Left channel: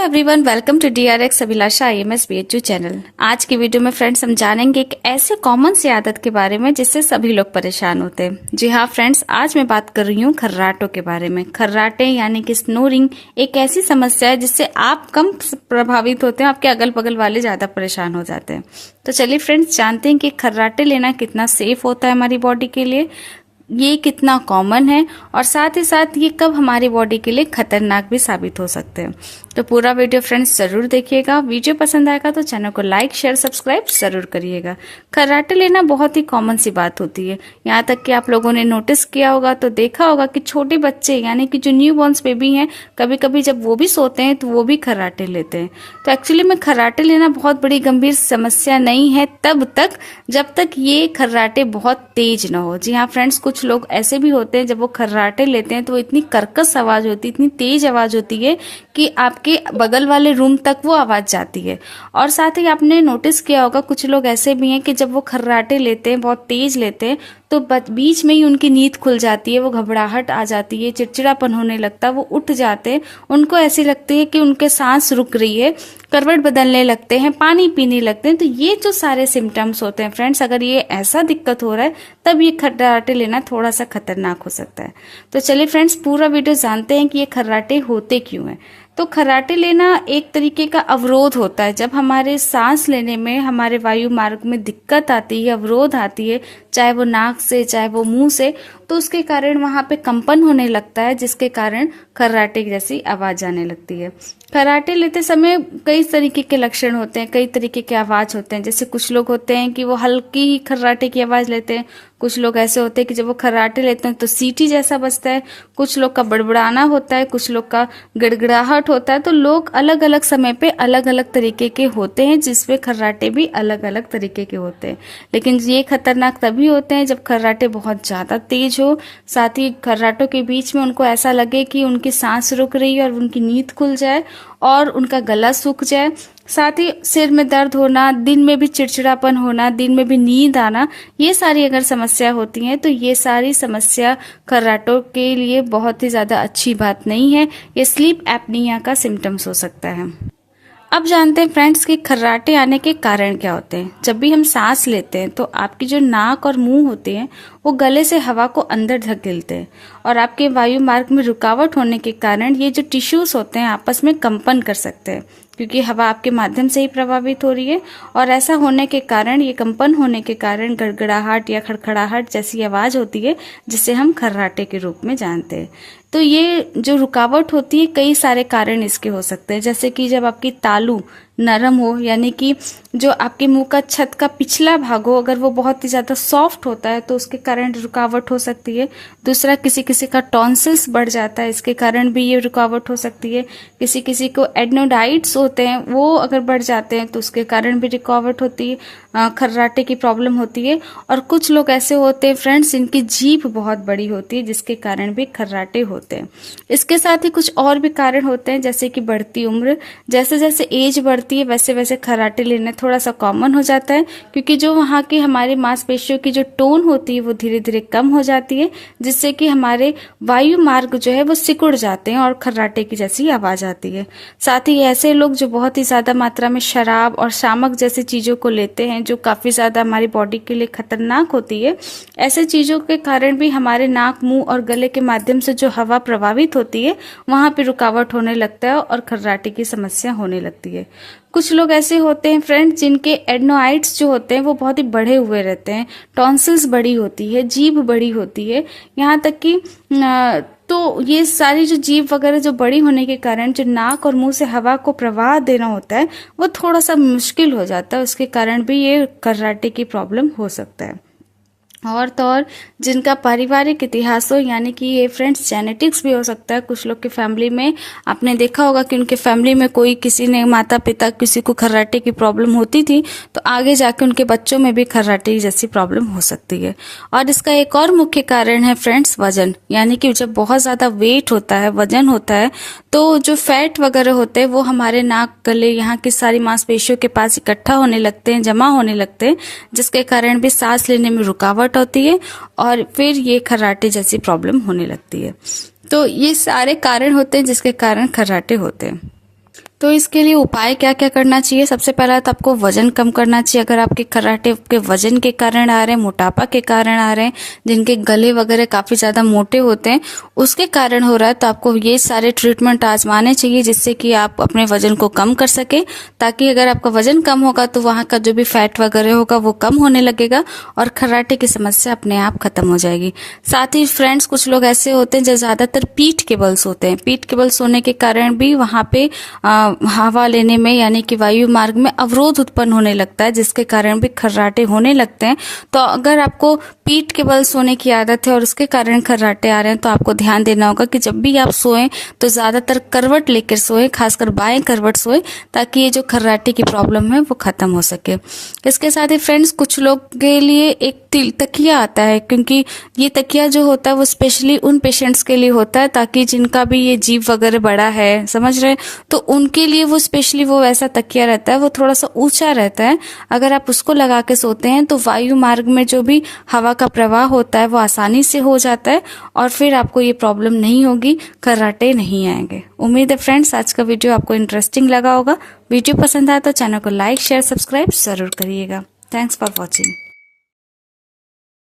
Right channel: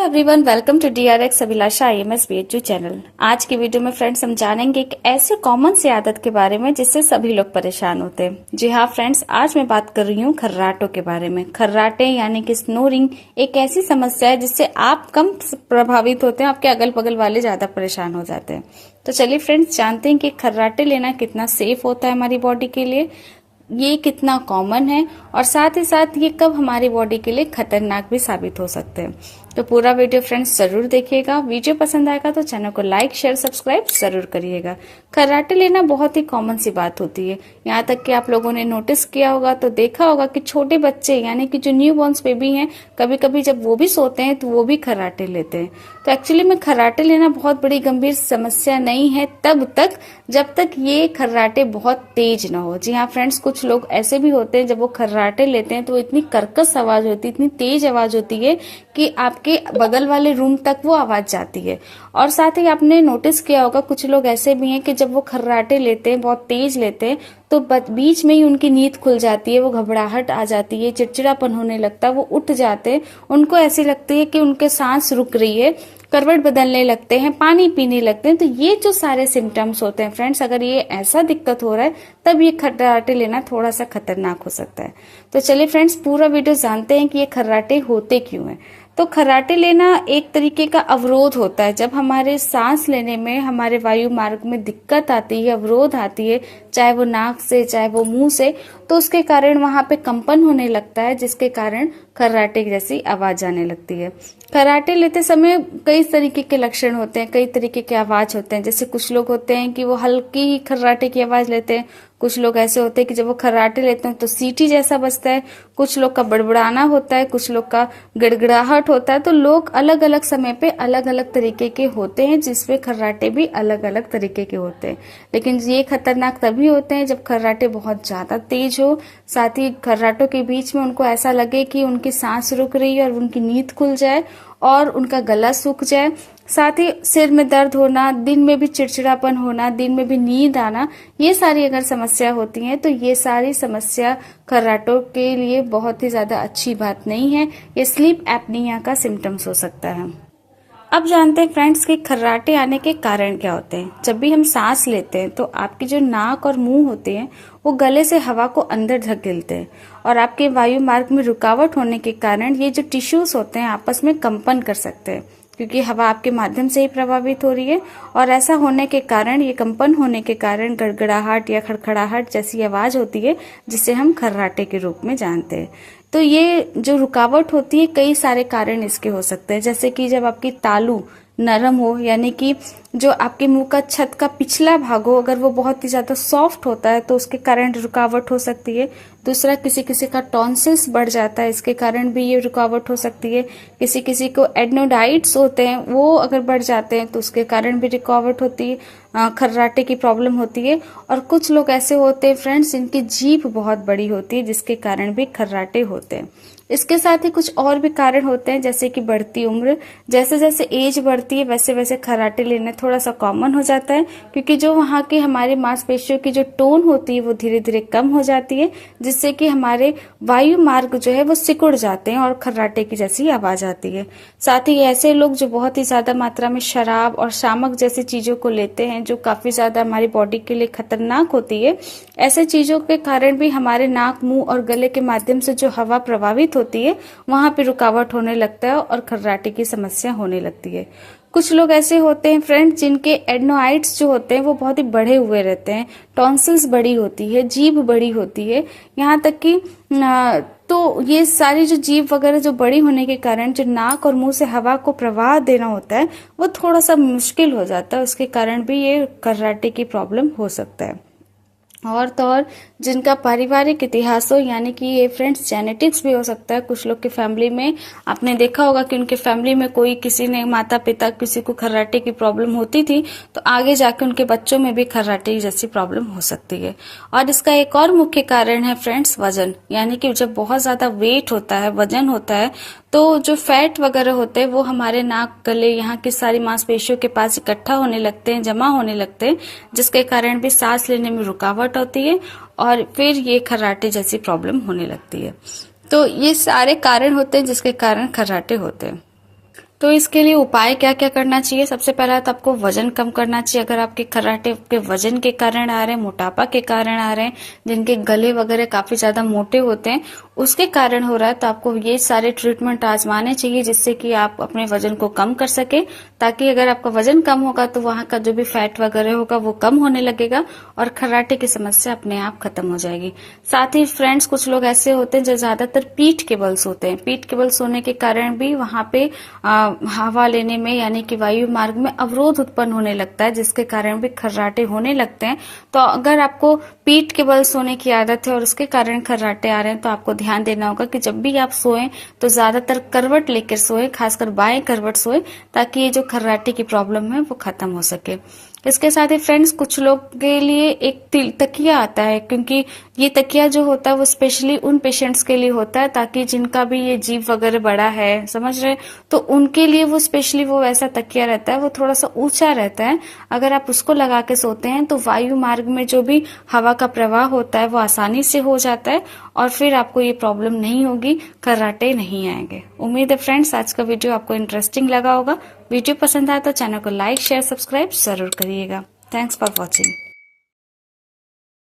Everyone, welcome to DRX Abhilasha IMS BHU channel. आज की video में फ्रेंड्स हम जानेंगे एक ऐसी कॉमन सी आदत के बारे में जिससे सभी लोग परेशान होते हैं। जी हाँ फ्रेंड्स, आज मैं बात कर रही हूँ खर्राटों के बारे में। खर्राटे यानी कि स्नोरिंग एक ऐसी समस्या है जिससे आप कम प्रभावित होते हैं, आपके अगल बगल वाले ज्यादा परेशान हो जाते हैं। तो चलिए फ्रेंड्स, जानते हैं कि खर्राटे लेना कितना सेफ होता है हमारी बॉडी के लिए, ये कितना कॉमन है और साथ ही साथ ये कब हमारी बॉडी के लिए खतरनाक भी साबित हो सकते हैं। तो पूरा वीडियो फ्रेंड्स जरूर देखिएगा। वीडियो पसंद आएगा तो चैनल को लाइक शेयर सब्सक्राइब जरूर करिएगा। खर्राटे लेना बहुत ही कॉमन सी बात होती है। यहाँ तक कि आप लोगों ने नोटिस किया होगा तो देखा होगा कि छोटे बच्चे यानी कि जो न्यू बॉर्न्स बेबी हैं, कभी कभी जब वो भी सोते हैं तो वो भी खर्राटे लेते हैं। तो एक्चुअली में खर्राटे लेना बहुत बड़ी गंभीर समस्या नहीं है तब तक जब तक ये खर्राटे बहुत तेज ना हो। जी हाँ फ्रेंड्स, कुछ लोग ऐसे भी होते हैं जब वो खर्राटे लेते हैं तो इतनी कर्कश आवाज होती है, इतनी तेज आवाज होती है कि आपके बगल वाले रूम तक वो आवाज जाती है। और साथ ही आपने नोटिस किया होगा कुछ लोग ऐसे भी हैं कि जब वो खर्राटे लेते हैं, बहुत तेज लेते हैं, तो बीच में ही उनकी नींद खुल जाती है, वो घबराहट आ जाती है, चिड़चिड़ापन होने लगता है, वो उठ जाते हैं, उनको ऐसी लगती है कि उनके सांस रुक रही है, करवट बदलने लगते हैं, पानी पीने लगते हैं। तो ये जो सारे सिम्टम्स होते हैं फ्रेंड्स, अगर ये ऐसा दिक्कत हो रहा है तब ये खर्राटे लेना थोड़ा सा खतरनाक हो सकता है। तो चलिए फ्रेंड्स, पूरा वीडियो जानते हैं कि ये खर्राटे होते क्यों हैं। तो खर्राटे लेना एक तरीके का अवरोध होता है। जब हमारे सांस लेने में, हमारे वायु मार्ग में दिक्कत आती है, अवरोध आती है, चाहे वो नाक से चाहे वो मुंह से, तो उसके कारण वहां पे कंपन होने लगता है, जिसके कारण खर्राटे जैसी आवाज आने लगती है। खर्राटे लेते समय कई तरीके के लक्षण होते हैं, कई तरीके के आवाज होते हैं। जैसे कुछ लोग होते हैं कि वो हल्की ही खर्राटे की आवाज लेते हैं, कुछ लोग ऐसे होते हैं कि जब वो खर्राटे लेते हैं तो सीटी जैसा बजता है, कुछ लोग का बड़बड़ाना होता है, कुछ लोग का गड़गड़ाहट होता है। तो लोग अलग अलग समय पे अलग अलग तरीके के होते हैं, जिसपे खर्राटे भी अलग अलग तरीके के होते हैं। लेकिन ये खतरनाक तभी होते हैं जब खर्राटे बहुत ज्यादा तेज हो, साथ ही खर्राटों के बीच में उनको ऐसा लगे कि उनकी सांस रुक रही है और उनकी नींद खुल जाए और उनका गला सूख जाए। साथ ही सिर में दर्द होना, दिन में भी चिड़चिड़ापन होना, दिन में भी नींद आना, ये सारी अगर समस्या होती है तो ये सारी समस्या खर्राटों के लिए बहुत ही ज्यादा अच्छी बात नहीं है। ये स्लीप एपनिया का सिम्टम्स हो सकता है। अब जानते हैं फ्रेंड्स कि खर्राटे आने के कारण क्या होते हैं। जब भी हम सांस लेते हैं तो आपकी जो नाक और मुंह होते हैं वो गले से हवा को अंदर धकेलते हैं और आपके वायु मार्ग में रुकावट होने के कारण ये जो टिश्यूज होते हैं आपस में कंपन कर सकते हैं, क्योंकि हवा आपके माध्यम से ही प्रभावित हो रही है। और ऐसा होने के कारण, ये कंपन होने के कारण गड़गड़ाहट या खड़खड़ाहट जैसी आवाज होती है, जिसे हम खर्राटे के रूप में जानते हैं। तो ये जो रुकावट होती है, कई सारे कारण इसके हो सकते हैं। जैसे कि जब आपकी तालू नरम हो, यानी कि जो आपके मुंह का छत का पिछला भाग हो, अगर वो बहुत ही ज्यादा सॉफ्ट होता है तो उसके कारण रुकावट हो सकती है। दूसरा, किसी किसी का टॉन्सिल्स बढ़ जाता है, इसके कारण भी ये रुकावट हो सकती है। किसी किसी को एडनोडाइट्स होते हैं, वो अगर बढ़ जाते हैं तो उसके कारण भी रुकावट होती है, खर्राटे की प्रॉब्लम होती है। और कुछ लोग ऐसे होते हैं फ्रेंड्स जिनकी जीभ बहुत बड़ी होती है, जिसके कारण भी खर्राटे होते हैं। इसके साथ ही कुछ और भी कारण होते हैं, जैसे कि बढ़ती उम्र, जैसे जैसे एज बढ़ती है वैसे वैसे खर्राटे लेना थोड़ा सा कॉमन हो जाता है, क्योंकि जो वहाँ की हमारे मांसपेशियों की जो टोन होती है वो धीरे धीरे कम हो जाती है, जिससे कि हमारे वायु मार्ग जो है वो सिकुड़ जाते हैं और खर्राटे की जैसी आवाज आती है। साथ ही ऐसे लोग जो बहुत ही ज्यादा मात्रा में शराब और शामक जैसी चीजों को लेते हैं, जो काफी ज्यादा हमारी बॉडी के लिए खतरनाक होती है, ऐसे चीजों के कारण भी हमारे नाक, मुंह और गले के माध्यम से जो हवा प्रभावित होती है वहां पे रुकावट होने लगता है और खर्राटे की समस्या होने लगती है। कुछ लोग ऐसे होते हैं फ्रेंड्स जिनके एडनोइड्स जो होते हैं वो बहुत ही बढ़े हुए रहते हैं, टॉन्सिल्स बड़ी होती है, जीभ बड़ी होती है, यहाँ तक कि तो ये सारी जो जीभ वगैरह जो बड़ी होने के कारण जो नाक और मुंह से हवा को प्रवाह देना होता है वो थोड़ा सा मुश्किल हो जाता है, उसके कारण भी ये खर्राटे की प्रॉब्लम हो सकता है। और तो और जिनका पारिवारिक इतिहास हो, यानी कि ये फ्रेंड्स जेनेटिक्स भी हो सकता है। कुछ लोग की फैमिली में आपने देखा होगा कि उनके फैमिली में कोई, किसी ने माता पिता किसी को खर्राटे की प्रॉब्लम होती थी, तो आगे जाके उनके बच्चों में भी खर्राटे जैसी प्रॉब्लम हो सकती है। और इसका एक और मुख्य कारण है फ्रेंड्स वजन, यानी कि जब बहुत ज्यादा वेट होता है, वजन होता है, तो जो फैट वगैरह होते हैं वो हमारे नाक, गले, यहाँ की सारी मांसपेशियों के पास इकट्ठा होने लगते हैं, जमा होने लगते हैं, जिसके कारण भी सांस लेने में रुकावट होती है और फिर ये खर्राटे जैसी प्रॉब्लम होने लगती है। तो ये सारे कारण होते हैं जिसके कारण खर्राटे होते हैं। तो इसके लिए उपाय क्या क्या करना चाहिए। सबसे पहला तो आपको वजन कम करना चाहिए। अगर आपके खर्राटे के वजन के कारण आ रहे हैं, मोटापा के कारण आ रहे हैं, जिनके गले वगैरह काफी ज्यादा मोटे होते हैं उसके कारण हो रहा है, तो आपको ये सारे ट्रीटमेंट आजमाने चाहिए जिससे कि आप अपने वजन को कम कर सके। ताकि अगर आपका वजन कम होगा तो वहां का जो भी फैट वगैरह होगा वो कम होने लगेगा और खर्राटे की समस्या अपने आप खत्म हो जाएगी। साथ ही फ्रेंड्स, कुछ लोग ऐसे होते हैं जो ज्यादातर पीठ के बल सोते हैं। पीठ के बल सोने के कारण भी वहां पे हवा लेने में यानी कि वायु मार्ग में अवरोध उत्पन्न होने लगता है, जिसके कारण भी खर्राटे होने लगते हैं। तो अगर आपको पीठ के बल सोने की आदत है और उसके कारण खर्राटे आ रहे हैं तो आपको ध्यान देना होगा कि जब भी आप सोएं तो ज्यादातर करवट लेकर सोएं, खासकर बाएं करवट सोएं, ताकि ये जो खर्राटे की प्रॉब्लम है वो खत्म हो सके। इसके साथ ही फ्रेंड्स, कुछ लोग के लिए एक तकिया आता है, क्योंकि ये तकिया जो होता है वो स्पेशली उन पेशेंट्स के लिए होता है ताकि जिनका भी ये जीभ वगैरह बड़ा है, समझ रहे, तो उनके लिए वो स्पेशली वो वैसा तकिया रहता है, वो थोड़ा सा ऊंचा रहता है। अगर आप उसको लगा के सोते हैं तो वायु मार्ग में जो भी हवा का प्रवाह होता है वो आसानी से हो जाता है और फिर आपको ये प्रॉब्लम नहीं होगी, खर्राटे नहीं आएंगे। उम्मीद है फ्रेंड्स आज का वीडियो आपको इंटरेस्टिंग लगा होगा। वीडियो पसंद आया तो चैनल को लाइक शेयर सब्सक्राइब जरूर करिएगा। Thanks for watching.